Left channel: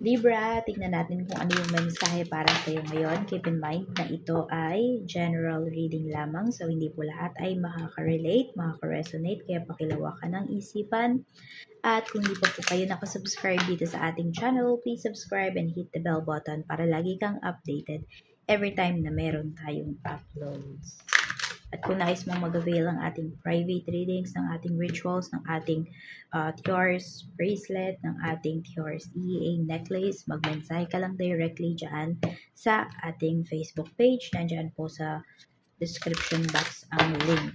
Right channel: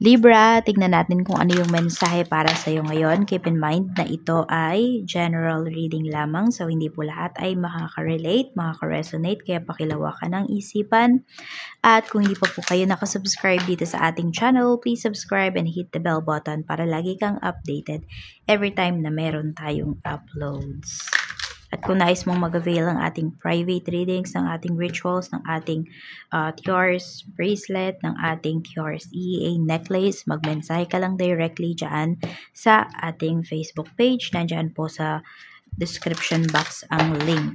Libra, tignan natin kung ano yung mensahe para sa iyo ngayon. Keep in mind na ito ay general reading lamang. So, hindi po lahat ay makaka-relate, makaka-resonate. Kaya pakilawakan ng isipan. At kung hindi pa po kayo nakasubscribe dito sa ating channel, please subscribe and hit the bell button para lagi kang updated every time na meron tayong uploads. At kung nais mong mag-avail ng ating private readings, ng ating rituals, ng ating Tiaras bracelet, ng ating Tiaras EEA necklace, magmensahe ka lang directly dyan sa ating Facebook page. Nandyan po sa description box ang link.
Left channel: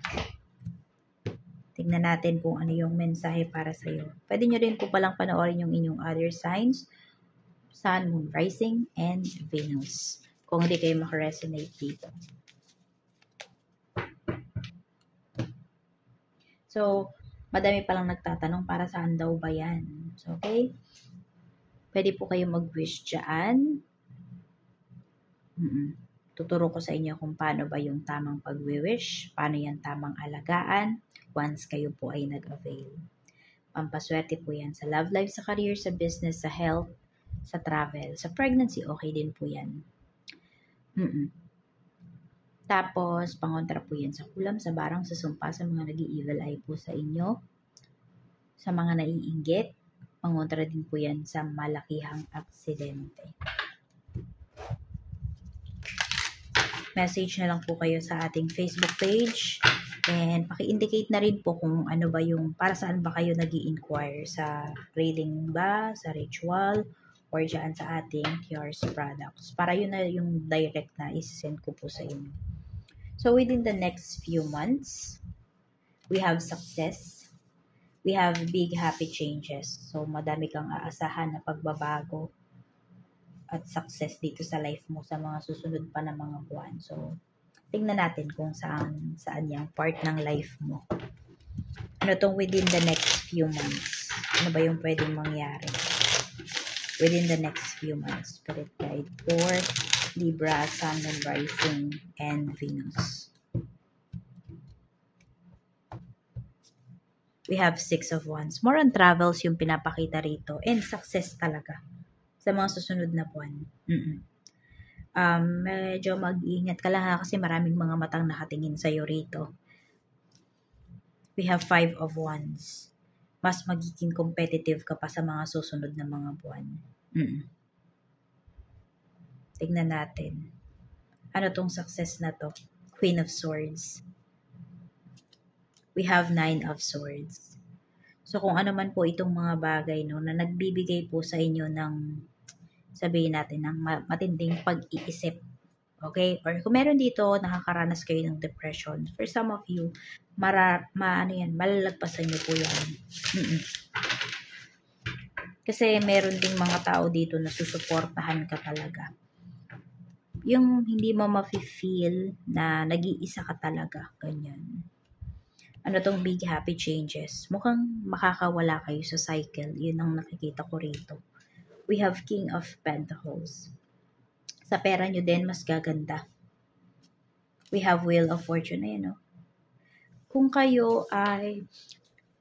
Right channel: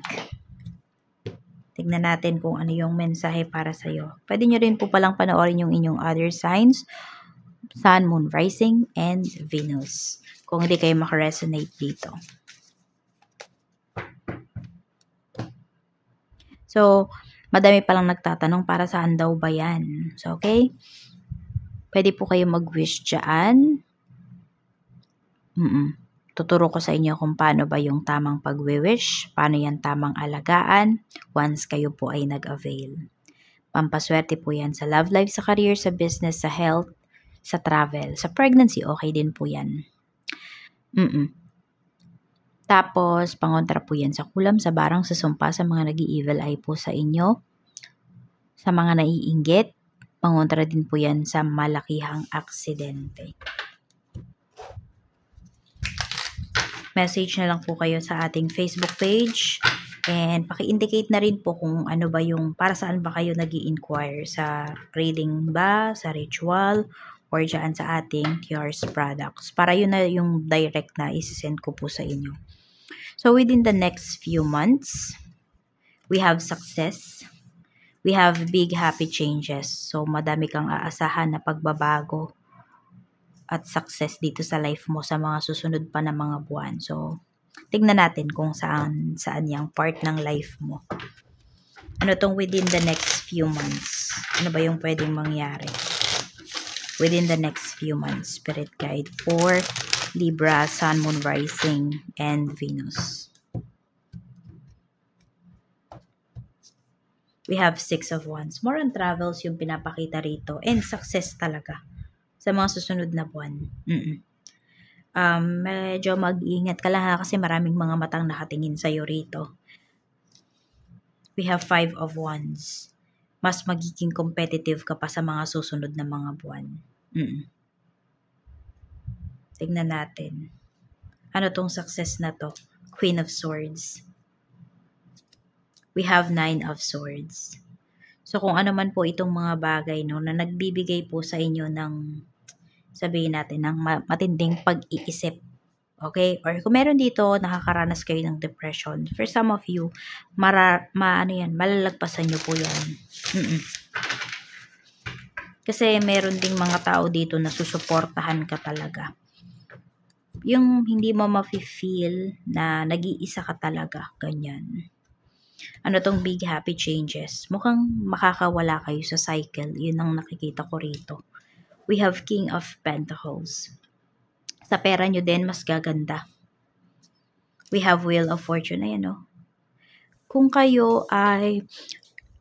Tignan natin kung ano yung mensahe para sa iyo. Pwede nyo rin po palang panoorin yung inyong other signs, Sun, Moon, Rising, and Venus. Kung hindi kayo makaresonate dito. So, madami palang nagtatanong para saan daw ba yan. So, okay? Pwede po kayo mag-wish dyan. Tuturo ko sa inyo kung paano ba yung tamang pag-wish, paano yan tamang alagaan once kayo po ay nag-avail. Pampaswerte po yan sa love life, sa career, sa business, sa health, sa travel, sa pregnancy, okay din po yan. Tapos, pangontra po yan sa kulam, sa barang, sa sumpa, sa mga nag-i-evil eye po sa inyo. Sa mga naiinggit, pangontra din po yan sa malakihang aksidente. Message na lang po kayo sa ating Facebook page. And paki-indicate na rin po kung ano ba yung, para saan ba kayo nag-i-inquire. Sa reading ba, sa ritual, or dyan sa ating Tiaras products. Para yun na yung direct na isi-send ko po sa inyo. So, within the next few months, we have success. We have big happy changes. So, madami kang aasahan na pagbabago at success dito sa life mo sa mga susunod pa na mga buwan. So, tingnan natin kung saan yung part ng life mo. Ano tong within the next few months? Ano ba yung pwedeng mangyari? Within the next few months, Spirit Guide for Libra, Sun, Moon, Rising, and Venus. We have 6 of Wands. More on travels yung pinapakita rito. And success talaga sa mga susunod na buwan. Medyo mag-ingat ka lang kasi maraming mga matang nakatingin sa'yo rito. We have 5 of Wands. Mas magiging competitive ka pa sa mga susunod na mga buwan. Tignan natin. Ano tong success na to? Queen of Swords. We have 9 of Swords. So, kung ano man po itong mga bagay no, na nagbibigay po sa inyo ng, sabihin natin, ng matinding pag-iisip. Okay? Or kung meron dito, nakakaranas kayo ng depression. For some of you, malalagpasan nyo po yan. Kasi meron ding mga tao dito na susuportahan ka talaga. Yung hindi mo ma-feel na nag-iisa ka talaga. Ganyan. Ano tong big happy changes? Mukhang makakawala kayo sa cycle. Yun ang nakikita ko rito. We have King of Pentacles. Sa pera nyo din, mas gaganda. We have Wheel of Fortune. Ayan o. Kung kayo ay,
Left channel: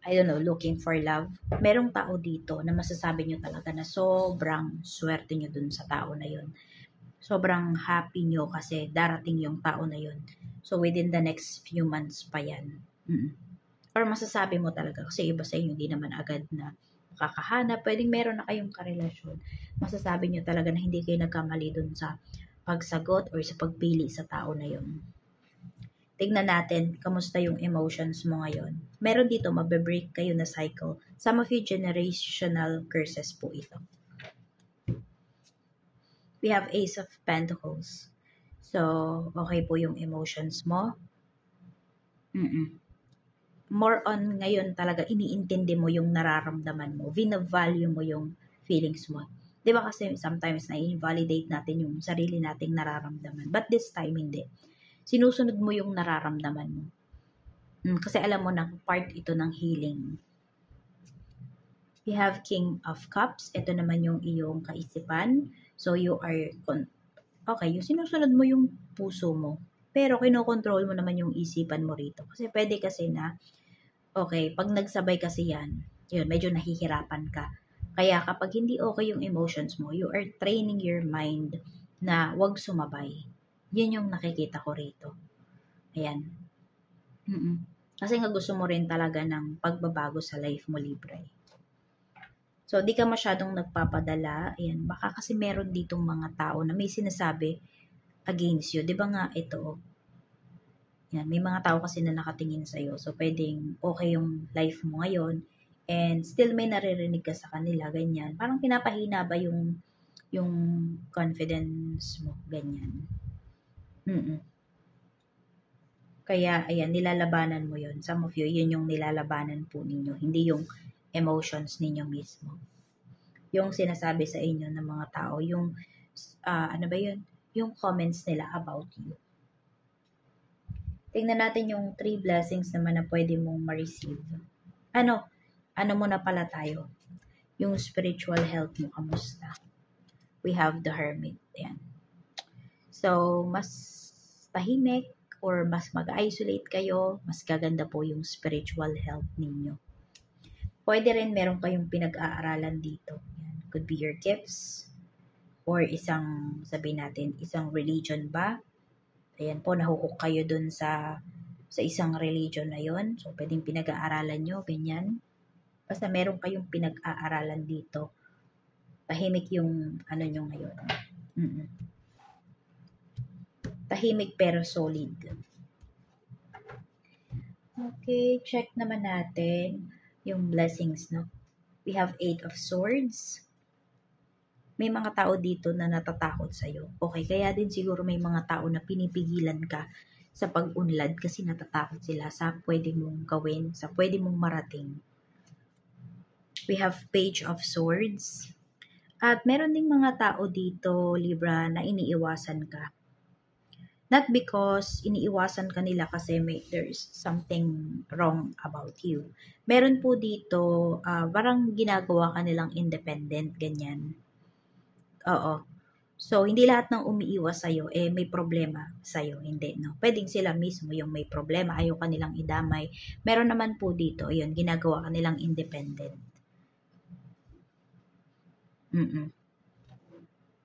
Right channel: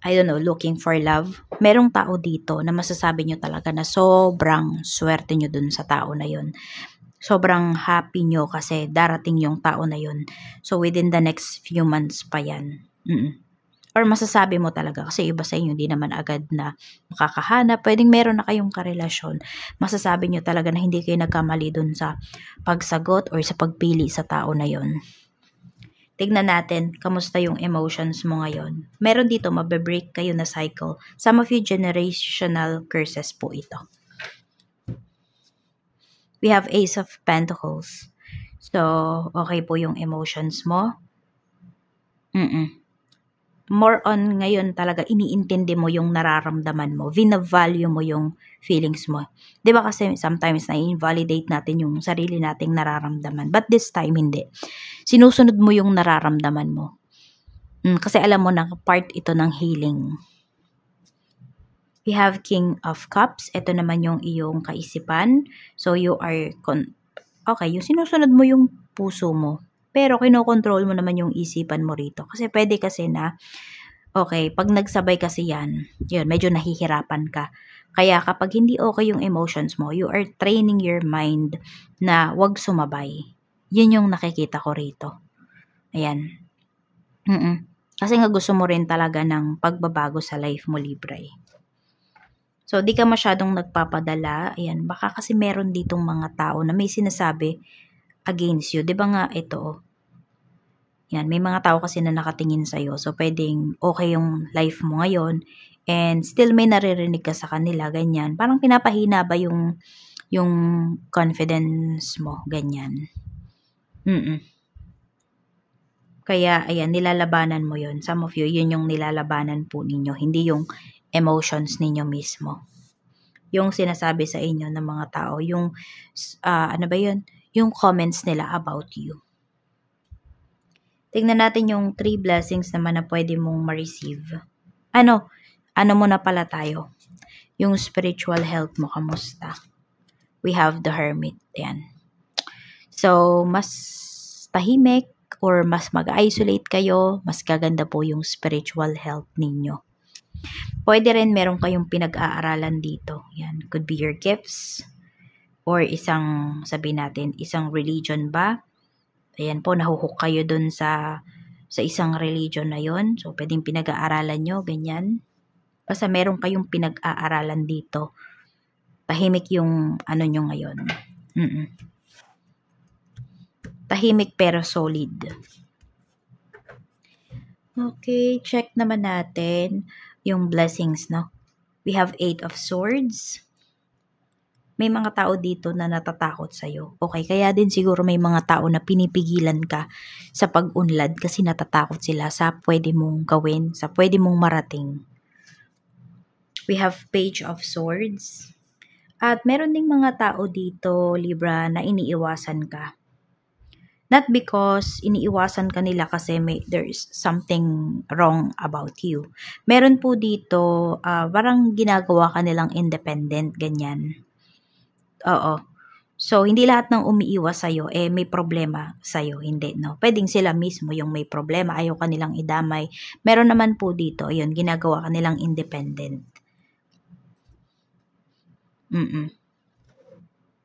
I don't know, looking for love, merong tao dito na masasabi nyo talaga na sobrang swerte nyo dun sa tao na yun. Sobrang happy nyo kasi darating yung tao na yun. So, within the next few months pa yan. Or masasabi mo talaga kasi iba sa inyo, di naman agad na makakahanap. Pwedeng meron na kayong karelasyon. Masasabi nyo talaga na hindi kayo nagkamali dun sa pagsagot or sa pagpili sa tao na yun. Tignan natin, kamusta yung emotions mo ngayon. Meron dito, mabibreak kayo na cycle. Some of you, generational curses po ito. We have Ace of Pentacles. So, okay po yung emotions mo. More on ngayon talaga, iniintindi mo yung nararamdaman mo. Vina-value mo yung feelings mo. Diba kasi sometimes na-invalidate natin yung sarili nating nararamdaman. But this time, hindi. Sinusunod mo yung nararamdaman mo. Kasi alam mo na part ito ng healing. We have King of Cups. Ito naman yung iyong kaisipan. So, you are, okay, yung sinusunod mo yung puso mo. Pero, kinokontrol mo naman yung isipan mo rito. Kasi pwede kasi na, okay, pag nagsabay kasi yan, yun, medyo nahihirapan ka. Kaya kapag hindi okay yung emotions mo, you are training your mind na wag sumabay. Yun yung nakikita ko rito. Ayan. Kasi nga gusto mo rin talaga ng pagbabago sa life mo, Libra. So, di ka masyadong nagpapadala. Ayan, baka kasi meron ditong mga tao na may sinasabi against you. Di ba nga ito? Yan, may mga tao kasi na nakatingin sa'yo. So, pwedeng okay yung life mo ngayon and still may naririnig ka sa kanila, ganyan. Parang pinapahina ba yung confidence mo, ganyan. Kaya, ayan, nilalabanan mo yon. Some of you, yun yung nilalabanan po ninyo. Hindi yung emotions ninyo mismo. Yung sinasabi sa inyo ng mga tao, yung, ano ba yun? Yung comments nila about you. Tingnan natin yung 3 blessings naman na pwede mong ma-receive. Ano muna pala tayo? Yung spiritual health mo, kamusta? We have the Hermit. Ayan. So, mas tahimik or mas mag-isolate kayo, mas gaganda po yung spiritual health ninyo. Pwede rin meron kayong pinag-aaralan dito. Yan. Could be your gifts or isang, sabihin natin, isang religion ba? Ayan po, nahuhook kayo dun sa isang religion na yon. So, pwedeng pinag-aaralan nyo, ganyan. Basta meron kayong pinag-aaralan dito. Tahimik yung ano nyo ngayon. Tahimik pero solid. Okay, check naman natin yung blessings, no? We have 8 of Swords. May mga tao dito na natatakot sa'yo. Okay, kaya din siguro may mga tao na pinipigilan ka sa pag-unlad kasi natatakot sila sa pwede mong gawin, sa pwede mong marating. We have Page of Swords. At meron ding mga tao dito, Libra, na iniiwasan ka. Not because iniiwasan ka nila kasi there is something wrong about you. Meron po dito, parang ginagawa ka nilang independent, ganyan. Oo. So, hindi lahat ng umiiwas sa'yo, may problema sa'yo. Hindi, no? Pwedeng sila mismo yung may problema, ayaw kanilang idamay. Meron naman po dito, yun, ginagawa kanilang independent.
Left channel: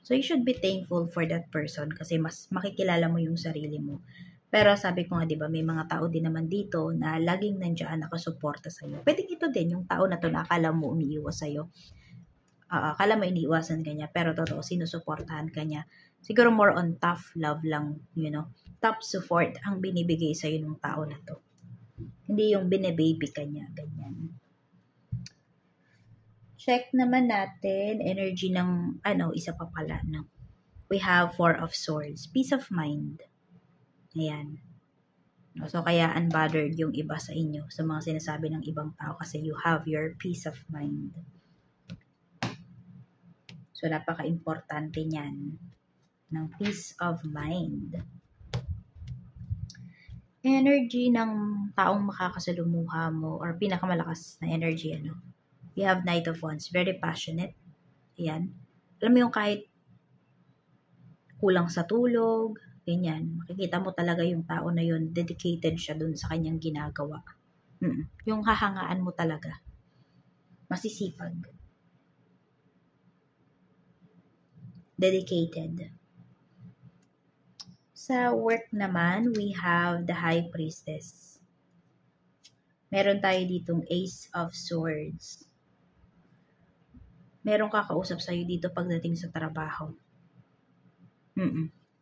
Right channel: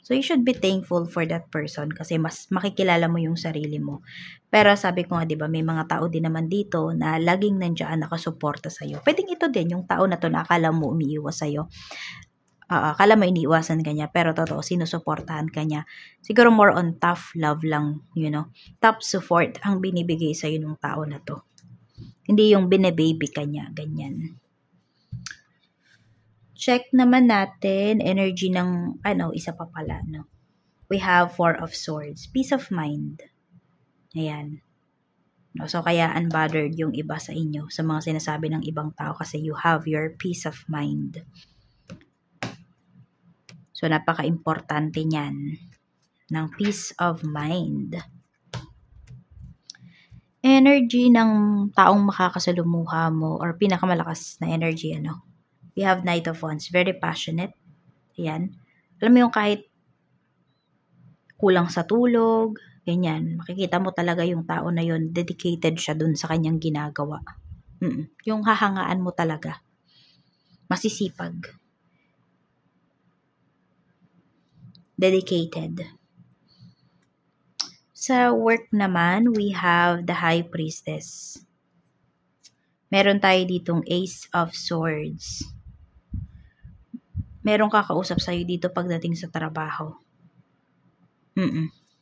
So, you should be thankful for that person kasi mas makikilala mo yung sarili mo. Pero sabi ko nga, di ba, may mga tao din naman dito na laging nandiyan nakasuporta sa'yo. Pwedeng ito din, yung tao na to na akala mo umiiwas sa'yo. Akala mo iniiwasan ka niya, pero totoo, sinusuportahan ka niya. Siguro more on tough love lang, Tough support ang binibigay sa'yo ng tao na to. Hindi yung bine-baby ka niya, ganyan. Check naman natin, energy ng, isa pa pala, no? We have 4 of Swords. Peace of mind. Ayan. So, kaya unbothered yung iba sa inyo, sa mga sinasabi ng ibang tao kasi you have your peace of mind. So, napaka-importante niyan ng peace of mind. Energy ng taong makakasalumuha mo or pinakamalakas na energy, We have Knight of Wands. Very passionate. Ayan. Alam mo yung kahit kulang sa tulog, ganyan. Makikita mo talaga yung tao na yun, dedicated siya dun sa kanyang ginagawa. Yung hahangaan mo talaga. Masisipag. Dedicated. Sa work naman, we have the High Priestess. Meron tayo ditong Ace of Swords. Meron kakausap sa'yo dito pagdating sa trabaho.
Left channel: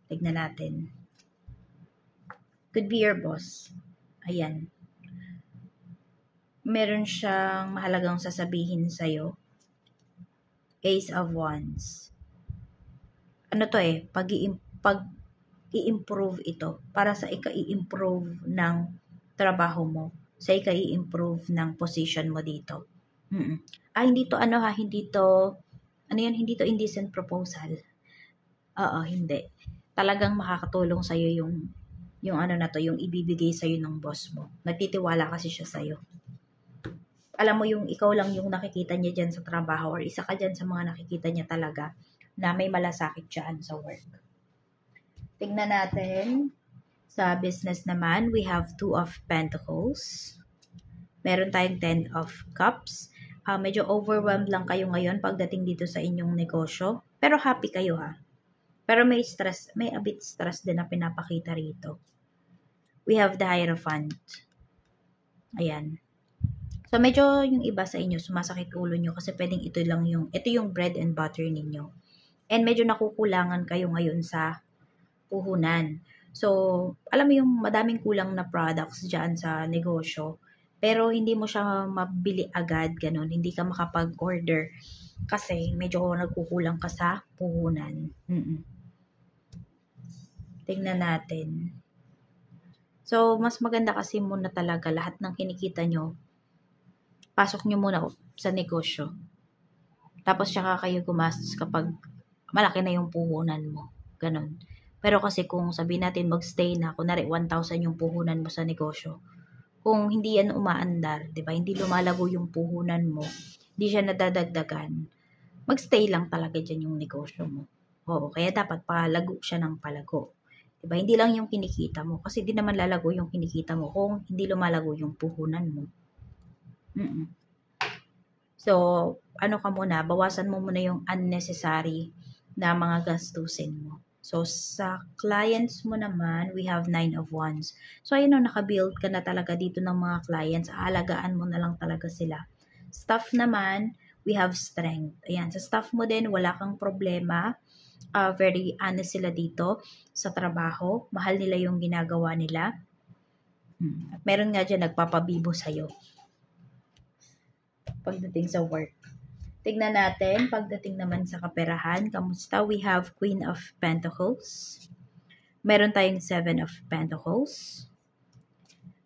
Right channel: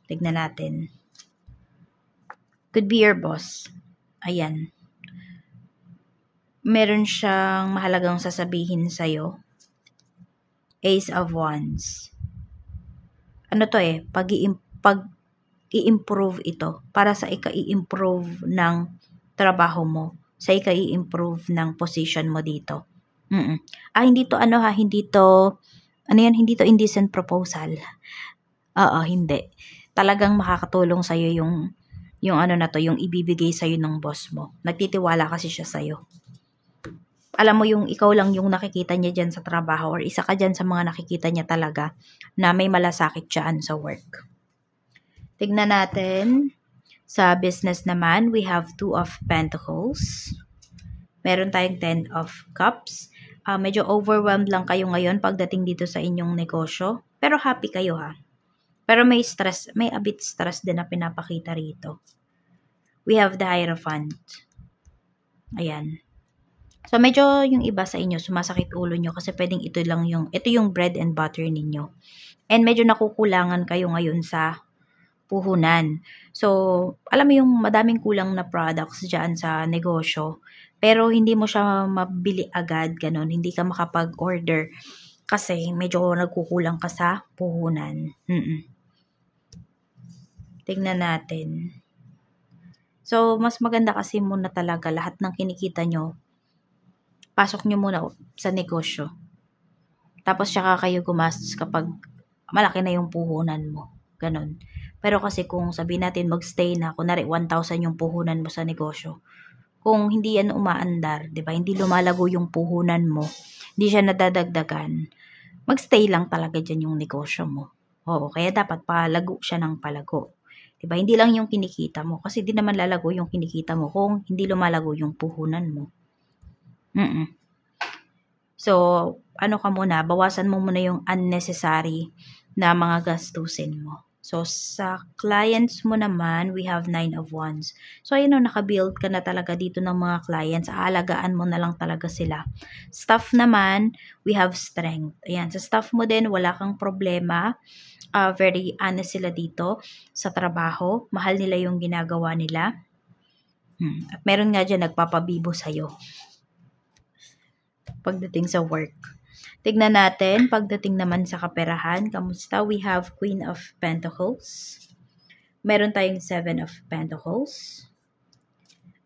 Tignan natin. Could be your boss. Ayan. Meron siyang mahalagang sasabihin sa'yo. Ace of Wands. Ano to pag-i-improve ito para sa ika-i-improve ng trabaho mo, sa ika-i-improve ng position mo dito. Hindi to hindi to indecent proposal. Hindi. Talagang makakatulong sa'yo yung yung ibibigay sa'yo ng boss mo. Nagtitiwala kasi siya sa'yo. Alam mo yung ikaw lang yung nakikita niya dyan sa trabaho or isa ka dyan sa mga nakikita niya talaga na may malasakit dyan sa work. Tignan natin. Sa business naman, we have 2 of Pentacles. Meron tayong 10 of Cups. medyo overwhelmed lang kayo ngayon pagdating dito sa inyong negosyo. Pero happy kayo ha. Pero may stress, may a bit stress din na pinapakita rito. We have the Hierophant. Ayan. So, medyo yung iba sa inyo, sumasakit ulo nyo kasi pwedeng ito yung bread and butter ninyo. And medyo nakukulangan kayo ngayon sa puhunan. So, alam mo yung madaming kulang na products dyan sa negosyo, pero hindi mo siya mabili agad, ganun. Hindi ka makapag-order kasi medyo nagkukulang ka sa puhunan. Tingnan natin. So, mas maganda kasi muna talaga lahat ng kinikita nyo, pasok nyo muna sa negosyo. Tapos, saka kayo gumastos kapag malaki na yung puhunan mo. Ganun. Pero kasi kung sabihin natin magstay na, kunwari 1,000 yung puhunan mo sa negosyo, kung hindi yan umaandar, di ba? Hindi lumalago yung puhunan mo, hindi siya nadadagdagan, magstay lang talaga dyan yung negosyo mo. Oo, kaya dapat palago siya ng palago. Di ba? Hindi lang yung kinikita mo, kasi di naman lalago yung kinikita mo kung hindi lumalago yung puhunan mo. So, ano ka muna, bawasan mo muna yung unnecessary na mga gastusin mo. So, sa clients mo naman, we have 9 of Wands. So, ayun o, nakabuild ka na talaga dito ng mga clients. Aalagaan mo na lang talaga sila. Staff naman, we have Strength. Ayan, sa staff mo din, wala kang problema. Very honest sila dito sa trabaho. Mahal nila yung ginagawa nila. At meron nga dyan nagpapabibo sa'yo pagdating sa work. Tignan natin, pagdating naman sa kaperahan, kamusta? We have Queen of Pentacles. Meron tayong 7 of Pentacles.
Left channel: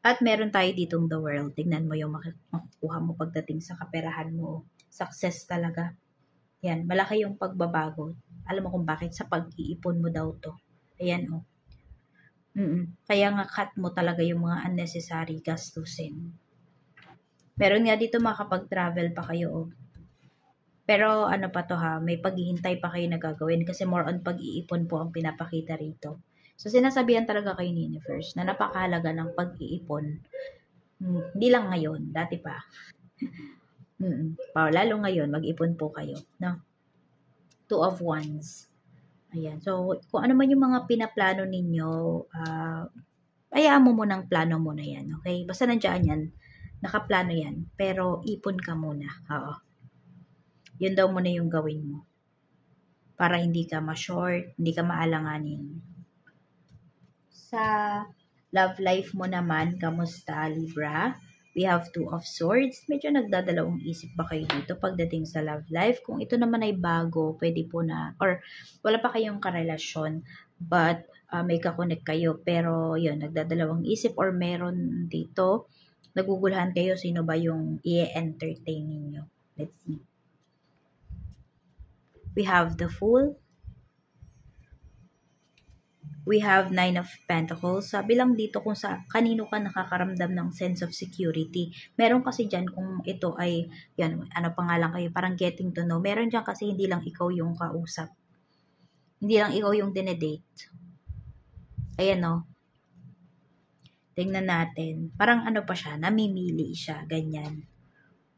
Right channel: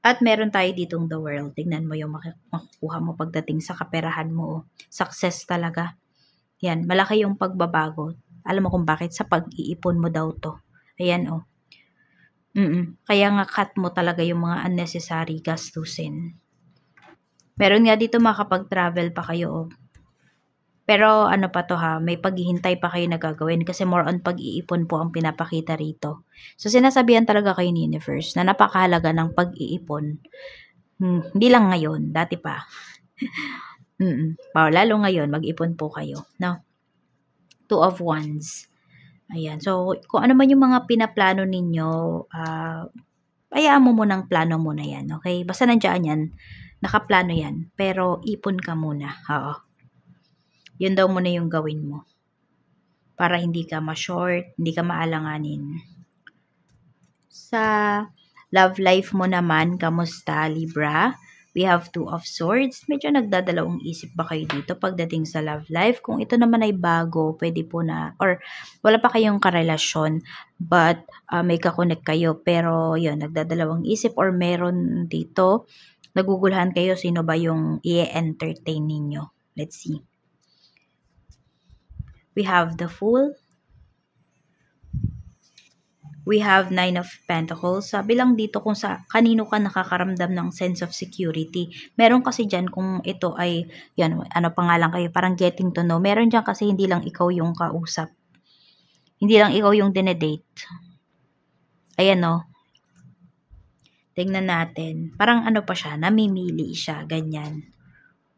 At meron tayo ditong the World. Tignan mo yung makukuha mo pagdating sa kaperahan mo. Success talaga. Yan, malaki yung pagbabago. Alam mo kung bakit? Sa pag-iipon mo daw to. Ayan o. Kaya nga cut mo talaga yung mga unnecessary gastusin. Meron nga dito makapag-travel pa kayo. Pero ano pa to ha, may paghihintay pa kayo na gagawin kasi more on pag-iipon po ang pinapakita rito. So sinasabihan talaga kayo ni Universe na napakahalaga ng pag-iipon. Hindi lang ngayon, dati pa. Lalo ngayon, mag-ipon po kayo. No? 2 of Wands. Ayan. So, kung ano man yung mga pinaplano ninyo, hayaan mo munang plano muna yan. Okay? Basta nandiyan yan, nakaplano yan. Pero ipon ka muna. Oo. Yun daw muna yung gawin mo. Para hindi ka ma-short, hindi ka maalanganin. Sa love life mo naman, kamusta, Libra? We have 2 of Swords. Medyo nagdadalawang isip ba kayo dito pagdating sa love life? Kung ito naman ay bago, pwede po na, or wala pa kayong karelasyon, but may kakonect kayo. Pero yun, nagdadalawang isip or meron dito, nagugulhan kayo sino ba yung i-entertain ninyo. Let's see. We have the Fool. We have 9 of Pentacles. Sabi lang dito kung sa kanino ka nakakaramdam ng sense of security. Meron kasi dyan kung ito ay, yan, ano pangalan kayo, parang getting to know. Meron dyan kasi hindi lang ikaw yung kausap. Hindi lang ikaw yung dinedate. Ayan o. Tingnan natin. Parang ano pa siya, namimili siya, ganyan.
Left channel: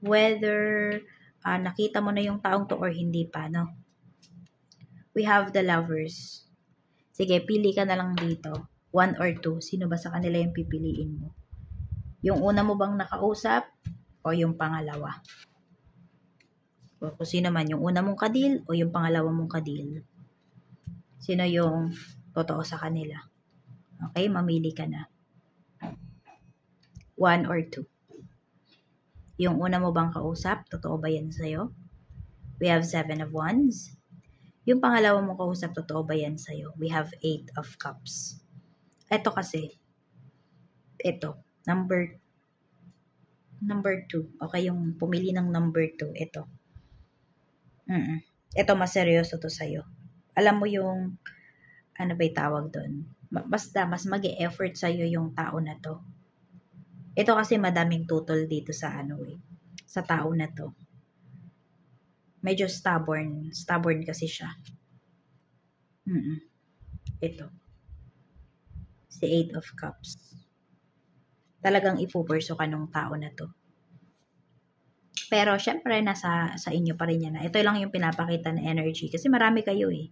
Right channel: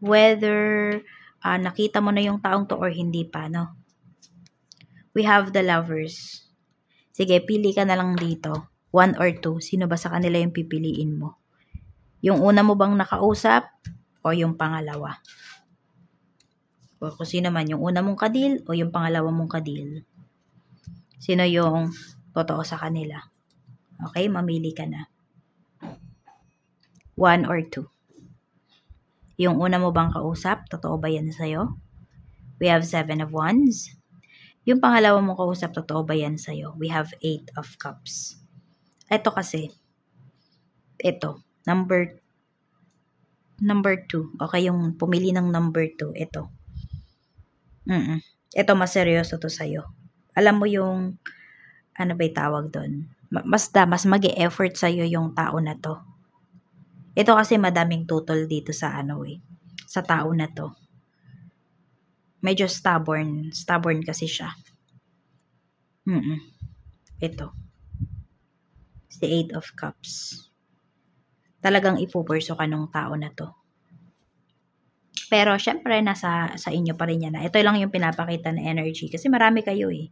Whether nakita mo na yung taong to or hindi pa, no? We have the Lovers. Sige, pili ka na lang dito. 1 or 2. Sino ba sa kanila yung pipiliin mo? Yung una mo bang nakausap o yung pangalawa? O kung sino man, yung una mong kadil o yung pangalawa mong kadil? Sino yung totoo sa kanila? Okay, mamili ka na. 1 or 2. Yung una mo bang kausap, totoo ba yan sa'yo? We have 7 of Wands. Yung pangalawa mong kausap, totoo ba yan sa'yo? We have 8 of Cups. Ito kasi, ito, number 2. Okay, yung pumili ng number 2, ito. Ito, mas seryoso to sa'yo. Alam mo yung, ano ba yung tawag doon? Mas mag-e-effort sa'yo yung tao na to. Ito kasi madaming tutol dito sa sa tao na to. Medyo stubborn kasi siya. Ito. It's the 8 of Cups. Talagang ipupurso ka nung tao na to. Pero, syempre, nasa sa inyo pa rin yan. Ito lang yung pinapakita na energy. Kasi marami kayo eh.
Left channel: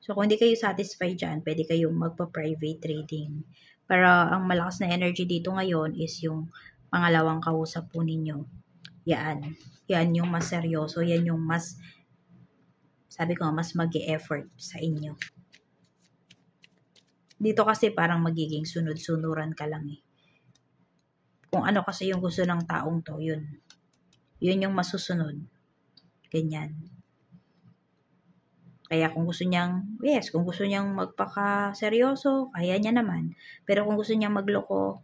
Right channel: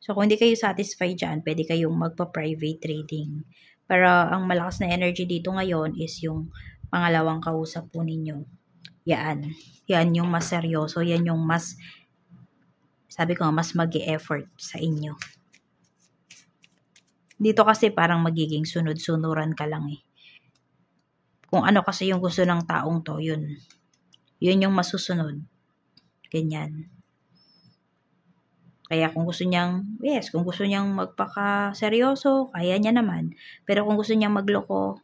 So, kung hindi kayo satisfied dyan, pwede kayong magpa-private trading. Pero, ang malakas na energy dito ngayon is yung pangalawang kausap po ninyo. Yan. Yan yung mas seryoso. Yan yung mas, sabi ko, mas mag-e-effort sa inyo. Dito kasi parang magiging sunod-sunuran ka lang eh. Kung ano kasi yung gusto ng taong to, yun. Yun yung masusunod. Ganyan. Kaya kung gusto niyang, yes, kung gusto niyang magpaka-seryoso, kaya niya naman. Pero kung gusto niyang magloko,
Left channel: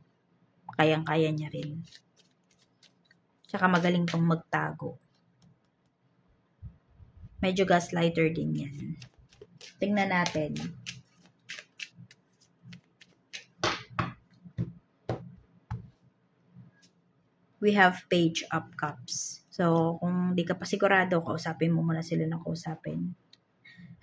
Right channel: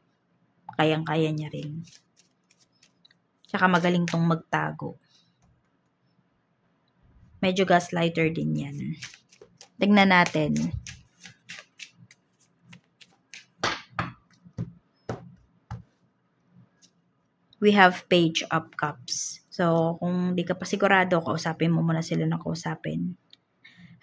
kayang-kaya niya rin. Tsaka magaling tong magtago. Medyo gaslighter din yan. Tingnan natin. We have Page of Cups. So, kung di ka pa sigurado, kausapin mo muna sila ng kausapin.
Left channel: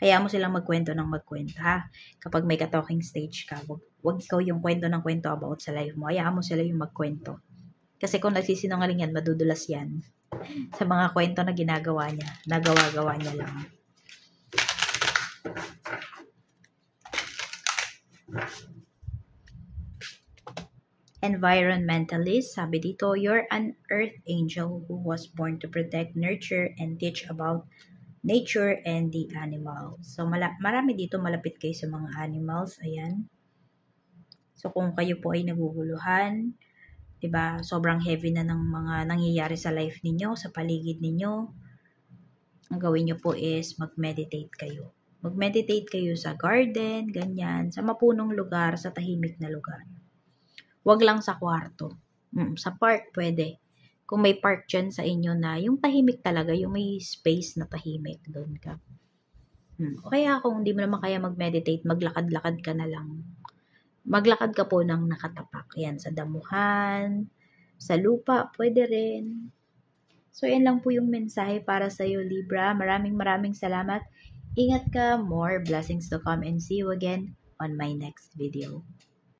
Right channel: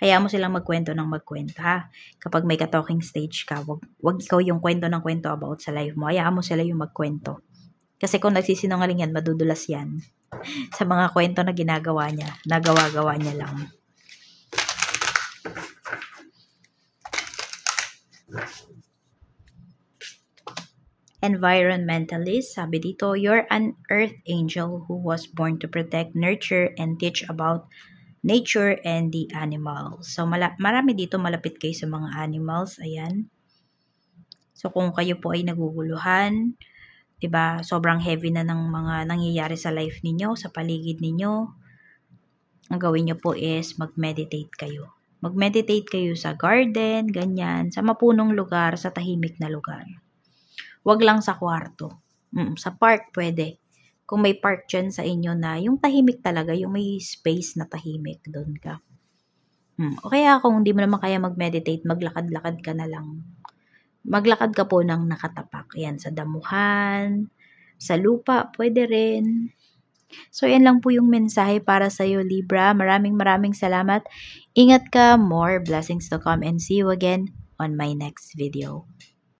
Hayaan mo silang magkwento ng magkwento, ha? Kapag may ka-talking stage ka, wag ikaw yung kwento ng kwento about sa life mo. Hayaan mo sila yung magkwento. Kasi kung nagsisinungaling yan, madudulas yan. Sa mga kwento na ginagawa niya, nagawa-gawa niya lang. Environmentalist, sabi dito, you're an earth angel who was born to protect, nurture, and teach about nature and the animals. So, marami dito malapit kayo sa mga animals. Ayan. So, kung kayo po ay naguguluhan, diba, sobrang heavy na ng mga nangyayari sa life ninyo, sa paligid ninyo, ang gawin nyo po is mag-meditate kayo. Mag-meditate kayo sa garden, ganyan, sa mapunong lugar, sa tahimik na lugar. Wag lang sa kwarto. Sa park pwede. Kung may park dyan sa inyo na yung tahimik talaga, yung may space na tahimik, doon ka. O kaya kung hindi mo naman kaya mag-meditate, maglakad-lakad ka na lang. Maglakad ka po ng nakatapak. Yan, sa damuhan, sa lupa, pwede rin. So, yan lang po yung mensahe para sa'yo, Libra. Maraming salamat. Ingat ka. More blessings to come and see you again on my next video.